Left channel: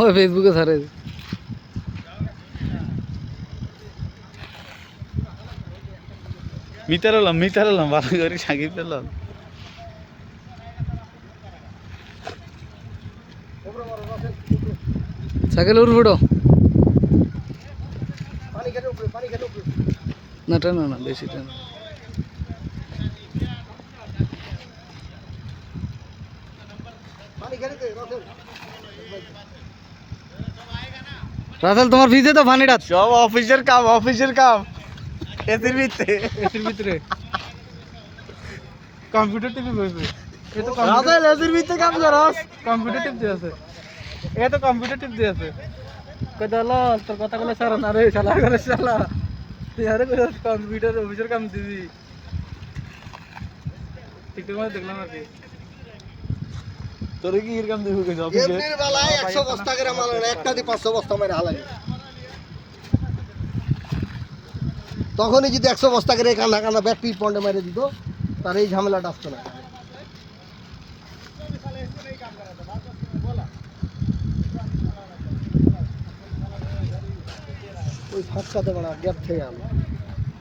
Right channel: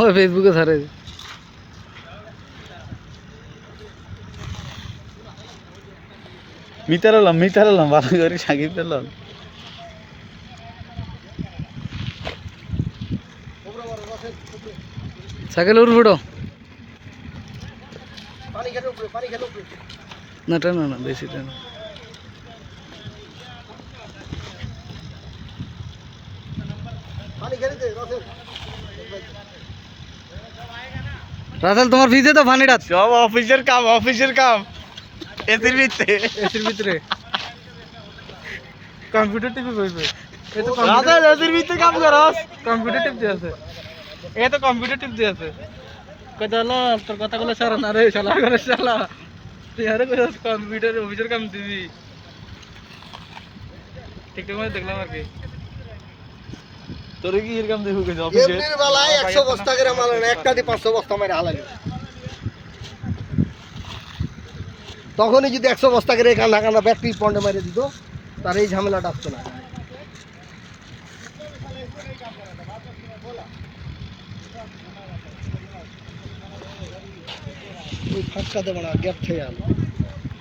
ওই ফেসবুকে ছাড়ে মিতারালাম ভালো করে সাকিব পেলাম সাইকেল উঠবো না টানা না বেশি টানা রাসেল তোমার ভিজে তো পানিটা সব অফিসের কাম এসির ভিতরে কম্পিউটার টিপে বসবে এ তো রাসেল এসির ভিতরে কাম করস কম্পিউটার টিপ দিয়ে আছে এ তো কম্পিউটার টিপ দিয়ে আছে কদালা তোর কথাগুলো সারা না রে শালা করে শালা তুই আরে কম্পিউটার অফিসের কাম দিবি ঠিকঠাক মতো দেখলাম আর কি তোরে কি এরকম দেখো কইছ অফিসে এর বেলায় 100 বস্তা করে মাল না একটা দি 500 বস্তা মারে হালালি তখনই যদি 100 বস্তা করে কানা কানা ব্যাটারি পন্ডে মারি দিত তার এই ঝামেলাটা আসতো না ওই ফাঁকটাতে বড় গ্যাপ থেকে আলো